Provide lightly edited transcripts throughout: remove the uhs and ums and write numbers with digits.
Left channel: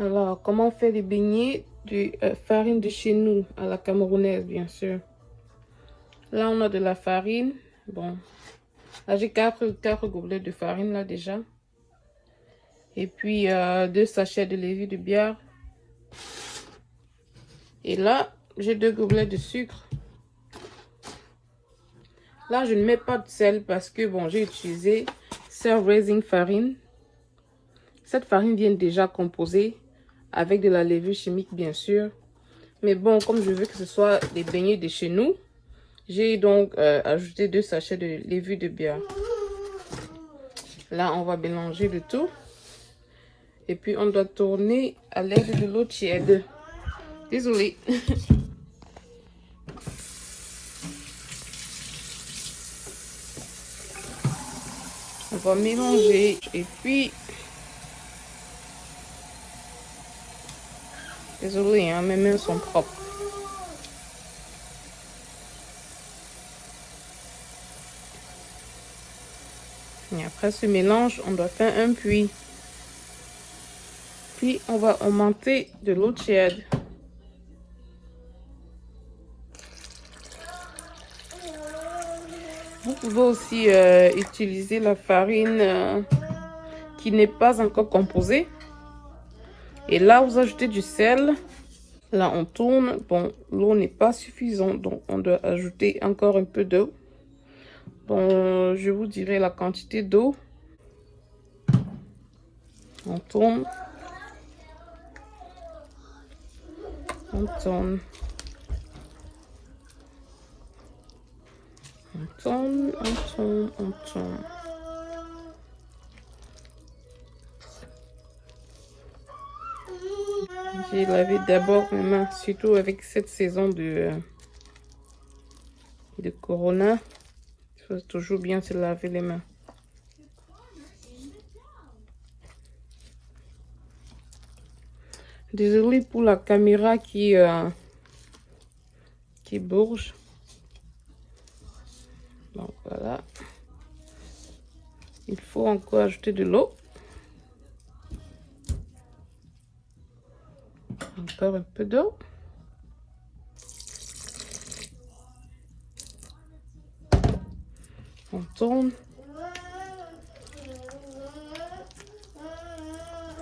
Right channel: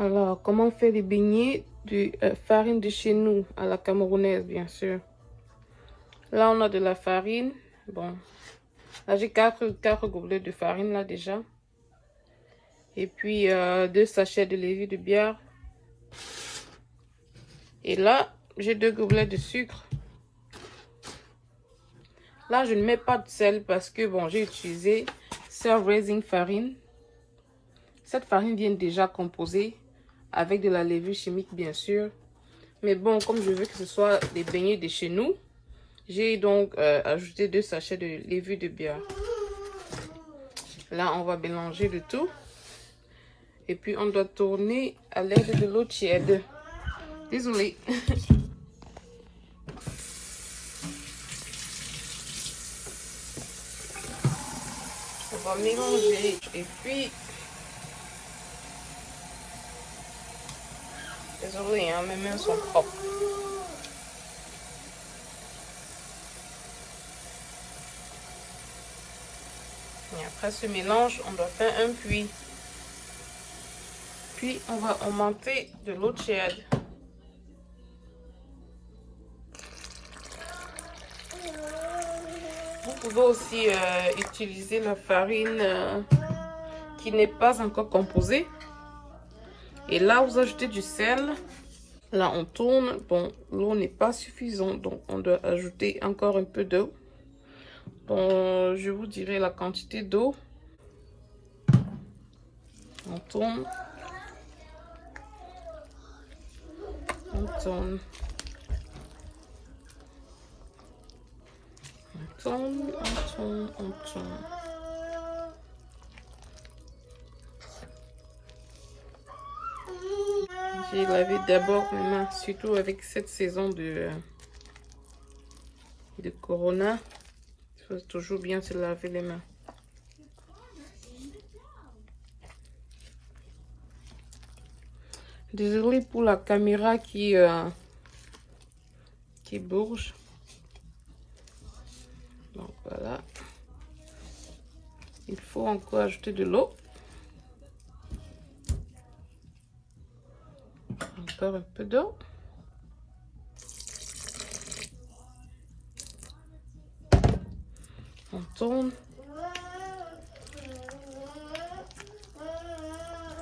Alors, comment on fait des beignets de farine de chez nous, à la camerounaise, bien sûr. Là, on a de la farine. Bon, là, j'ai 4 gobelets de farine, là, déjà. Et puis, 2 sachets de levure de bière. Et là, j'ai 2 gobelets de sucre. Là, je ne mets pas de sel parce que, bon, j'ai utilisé Sir Raising farine. Cette farine vient déjà composée avec de la levure chimique, bien sûr. Mais bon, comme je veux que ce soit des beignets de chez nous, j'ai donc ajouté 2 sachets de levure de bière. Là, on va mélanger le tout. Et puis, on doit tourner à l'aide de l'eau tiède. Désolée. On va mélanger. Et puis... Désolée, hein, mes mains sont propres. Et après ce mélange, on doit faire un puits. Puis, on va augmenter de l'eau tiède. Vous pouvez aussi utiliser la farine qui n'est pas encore composée. Et là, vous ajoutez du sel. Là, on tourne. Bon, l'eau n'est pas suffisante, donc on doit ajouter encore un peu d'eau. Bon, je vous dirai la quantité d'eau. On tourne. On tourne. On tourne, on tourne, on tourne. J'ai lavé d'abord mes mains, surtout avec cette saison de Corona. Il faut toujours bien se laver les mains. Désolée pour la caméra qui bouge. Donc voilà. Il faut encore ajouter de l'eau. Encore un peu d'eau. On tourne.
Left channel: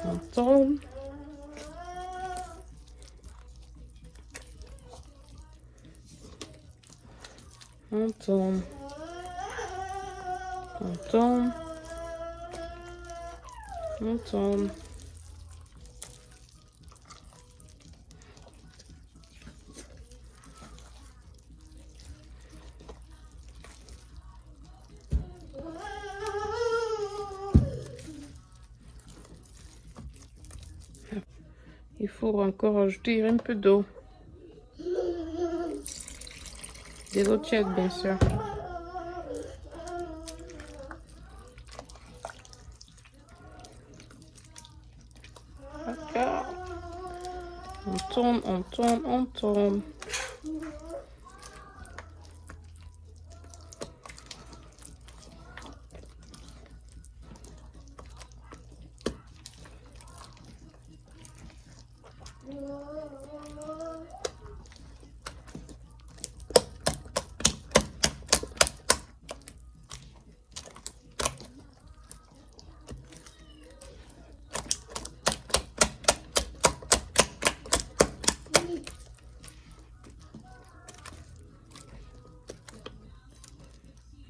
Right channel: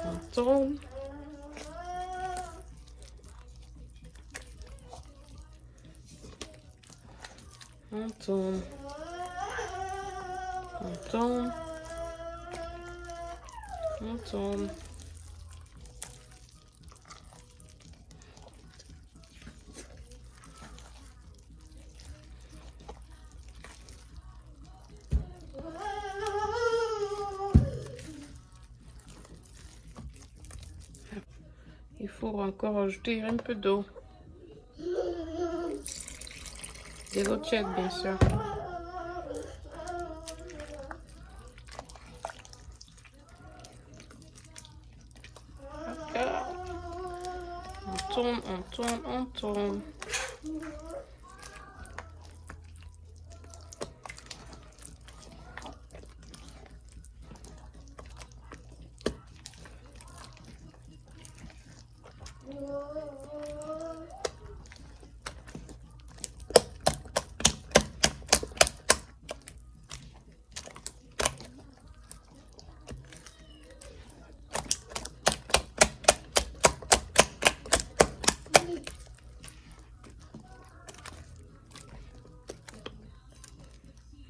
On tourne. On tourne. On tourne. On tourne. Il faut encore ajouter un peu d'eau. De l'eau tiède, bien sûr. D'accord. On tourne, on tourne, on tourne.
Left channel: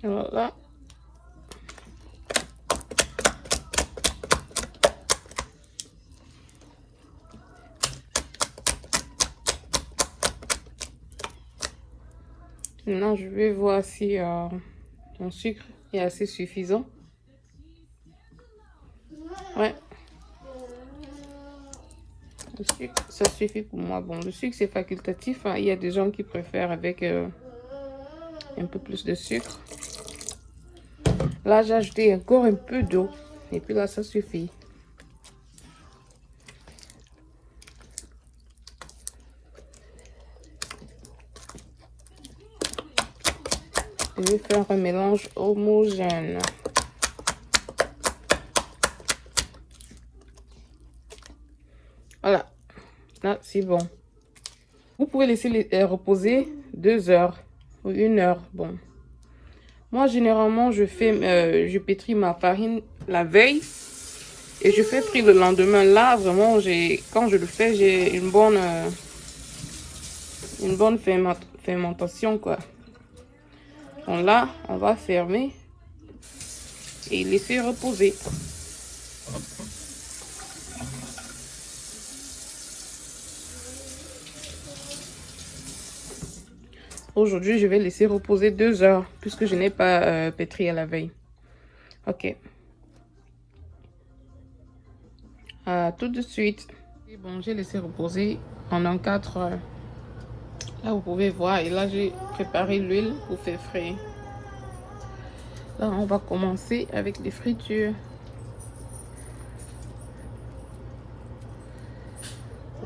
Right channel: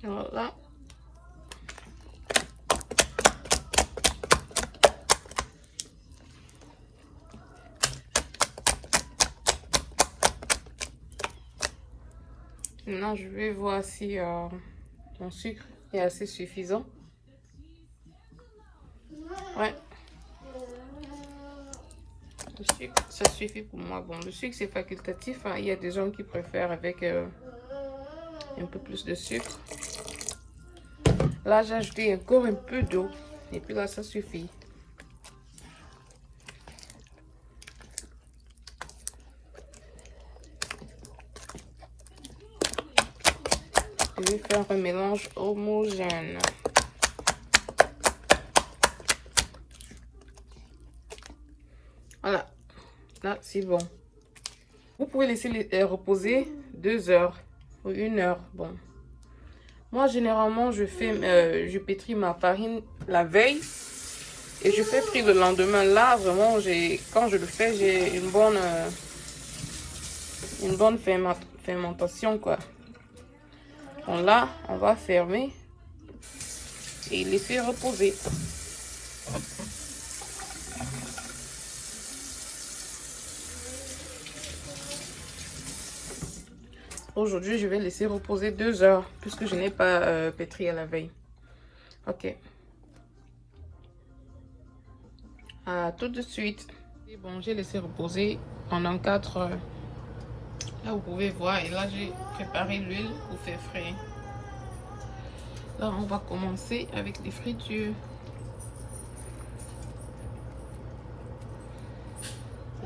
Voilà. Maintenant, je vais voir si mon sucre est assez suffisant. Ouais. Le sucre, ça suffit pour moi. Bon, le sucre, c'est facultatif. Hein. Il y a des gens qui préfèrent avec un peu plus de sucre. Là, j'ai ajouté encore un peu d'eau. Et puis là, ça suffit. Je vais faire un mélange homogène. Voilà, là c'est bon. Vous pouvez laisser reposer 2 heures ou 1 heure. Bon, moi généralement je pétris ma farine la veille et je fais frire le lendemain. Là vraiment quand je le fais, j'ai une bonne fermentation quoi. Donc là on va fermer et laisser reposer. Aujourd'hui, je vais laisser reposer 2 heures puisque je n'ai pas pétri à la veille. Ok. À tout de suite. Et bon, j'ai laissé reposer pendant 4 heures. Là, vous pouvez voir. Et là, j'ai préparé l'huile pour faire frire. Là, on va commencer avec les fritures.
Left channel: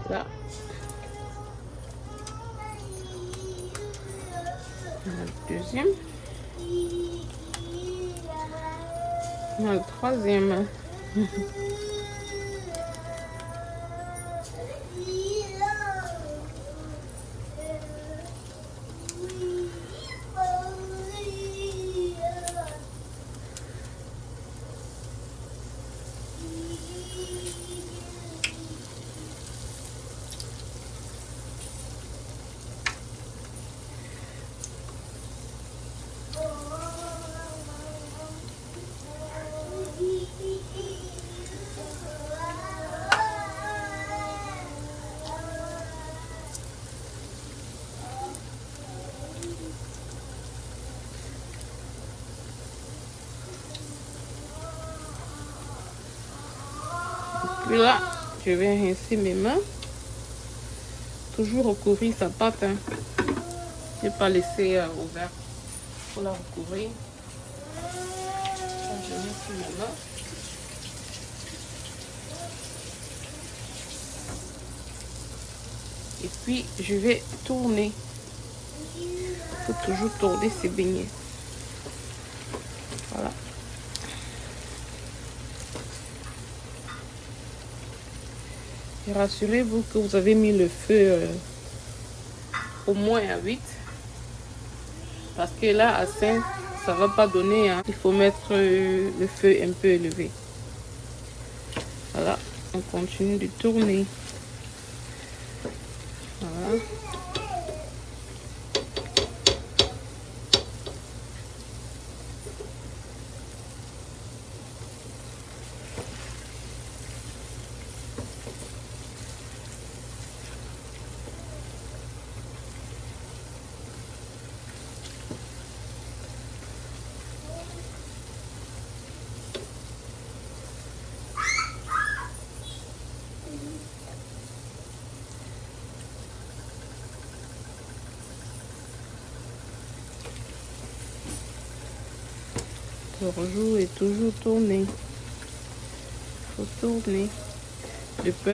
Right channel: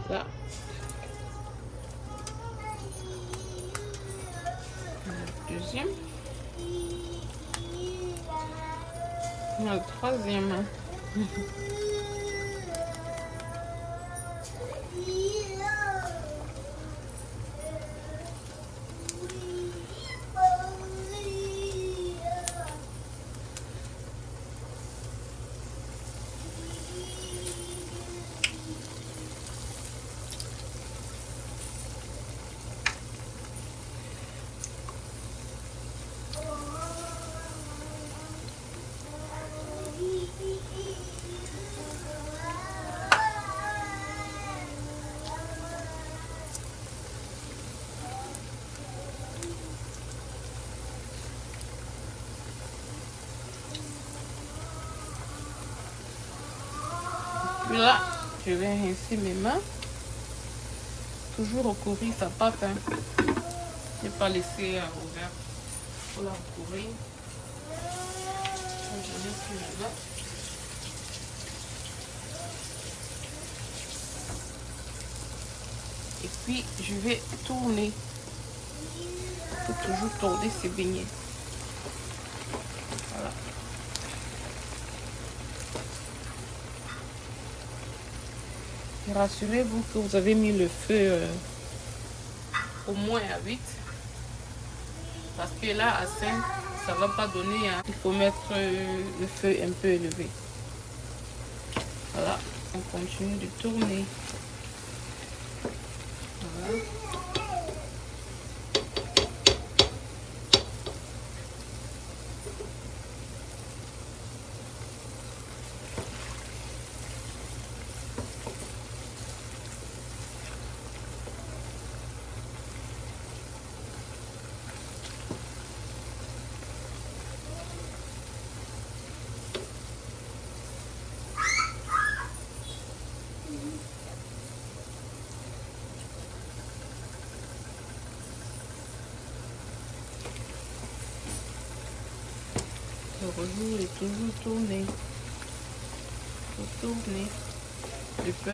Là. Le deuxième. Le troisième. Puis là, je vais rincer mes mains. Toujours recouvrir sa pâte. Hein. Ne pas laisser ouvert. Pour la recouvrir. Je rince mes mains. Et puis, je vais tourner. Il faut toujours tourner ses beignets. Voilà. Et rassurez-vous que vous avez mis le feu au moins à 8. Parce que là, à 5, ça ne va pas donner. Hein. Il faut mettre le feu un peu élevé. Voilà. On continue de tourner. Voilà. Le rejoue est toujours tourné. Il faut tourner. Le peu.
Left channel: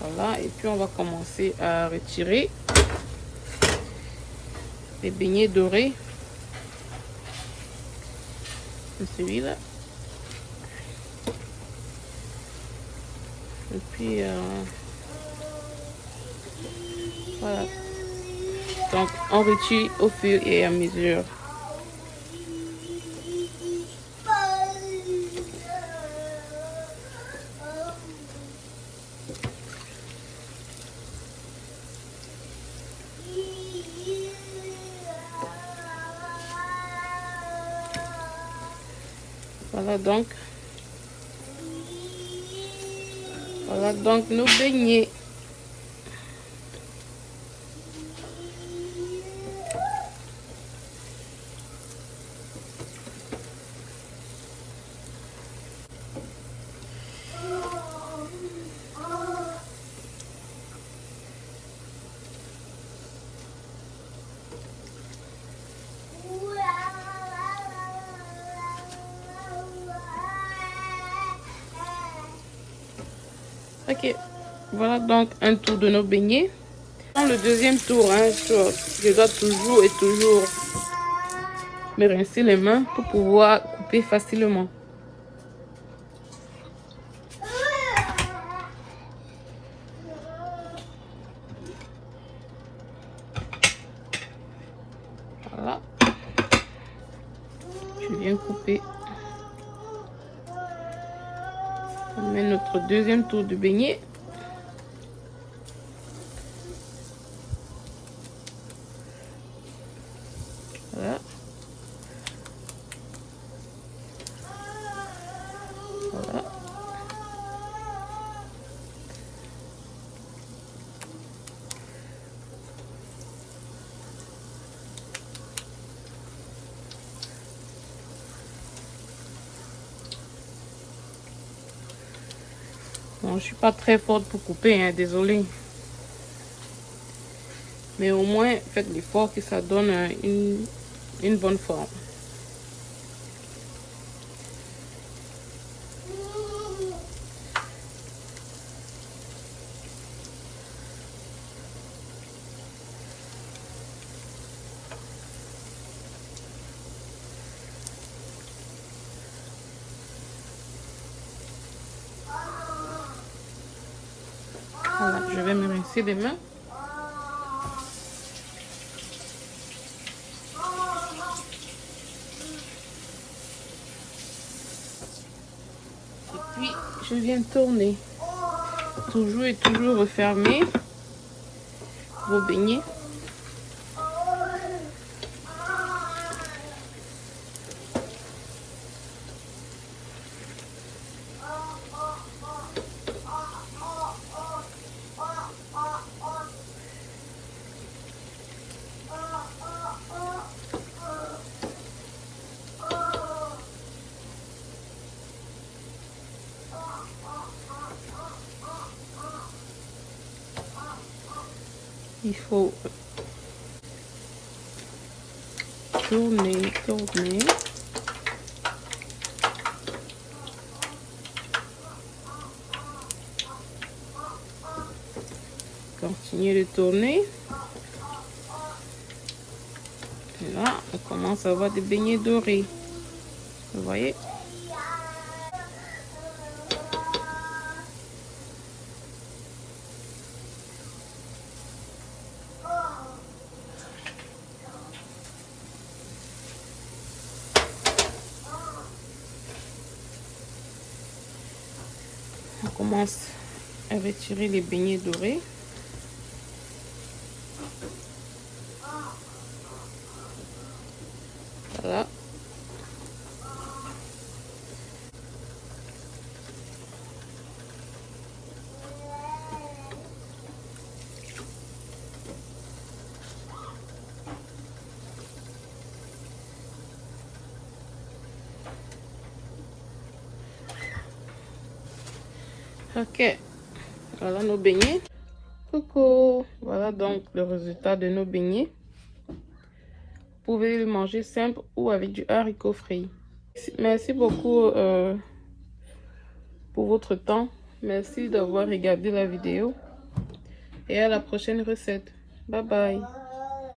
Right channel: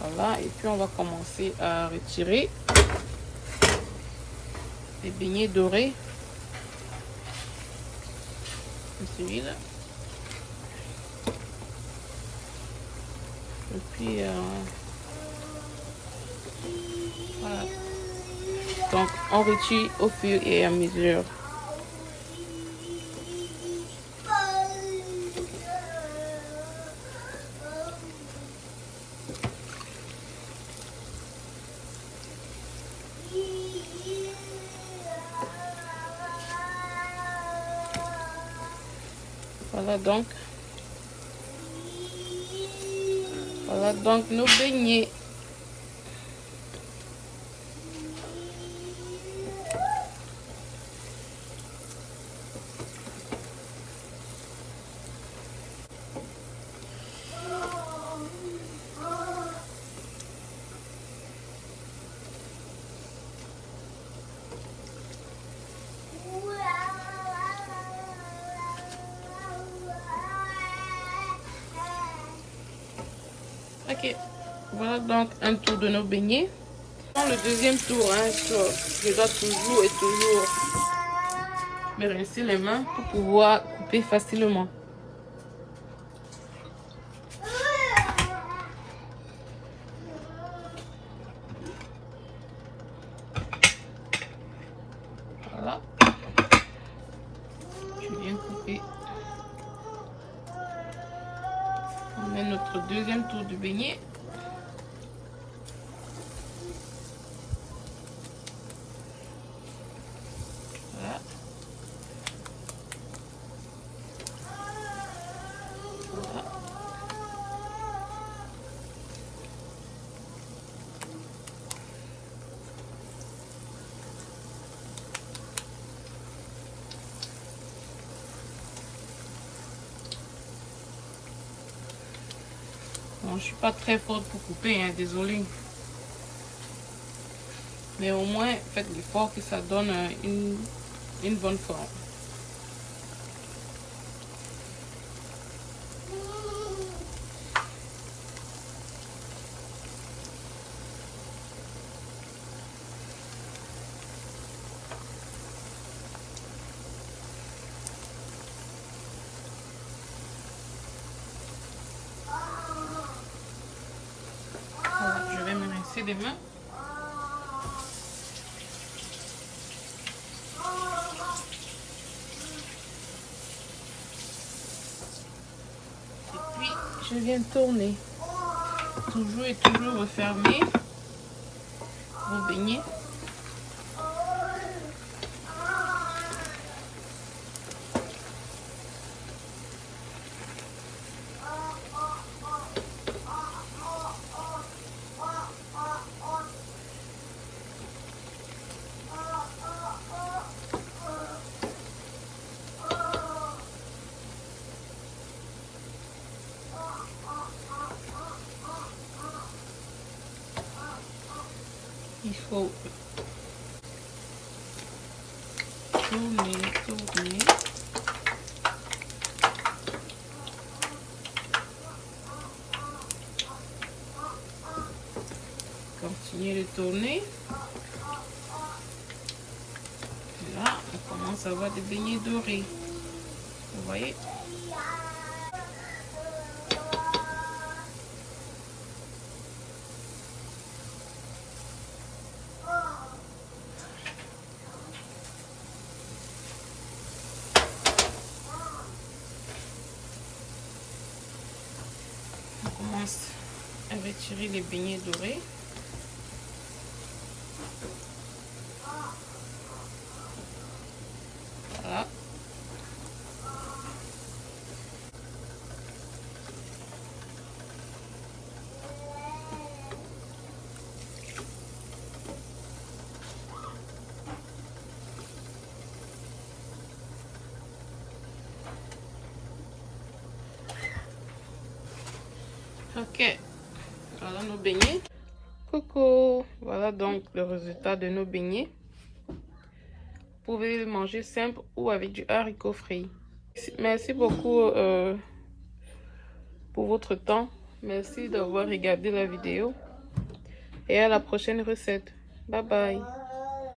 Voilà, et puis on va commencer à retirer les beignets dorés. Celui-là. Et puis voilà. Donc on retire au fur et à mesure. Voilà donc nos beignets. Ok, voilà donc un tour de nos beignets. Dans le deuxième tour, hein, je dois toujours et toujours me rincer les mains pour pouvoir couper couper facilement. Voilà. Je viens couper. On met notre deuxième tour de beignet. Voilà. Voilà. Bon, je suis pas très forte pour couper, hein, désolée. Mais au moins, faites l'effort que ça donne une bonne forme. Voilà, je vais me rincer les mains. Et puis, je viens tourner. Toujours et toujours refermer vos beignets. Il faut tourner. Continuer de tourner. Et là, on commence à avoir des beignets dorés. Vous voyez? On commence à retirer les beignets dorés. Voilà. Ok, voilà nos beignets. Coucou, voilà donc le résultat de nos beignets. Vous pouvez le manger simple ou avec du haricot frit. Merci beaucoup pour votre temps. Merci d'avoir regardé la vidéo. Et à la prochaine recette. Bye bye.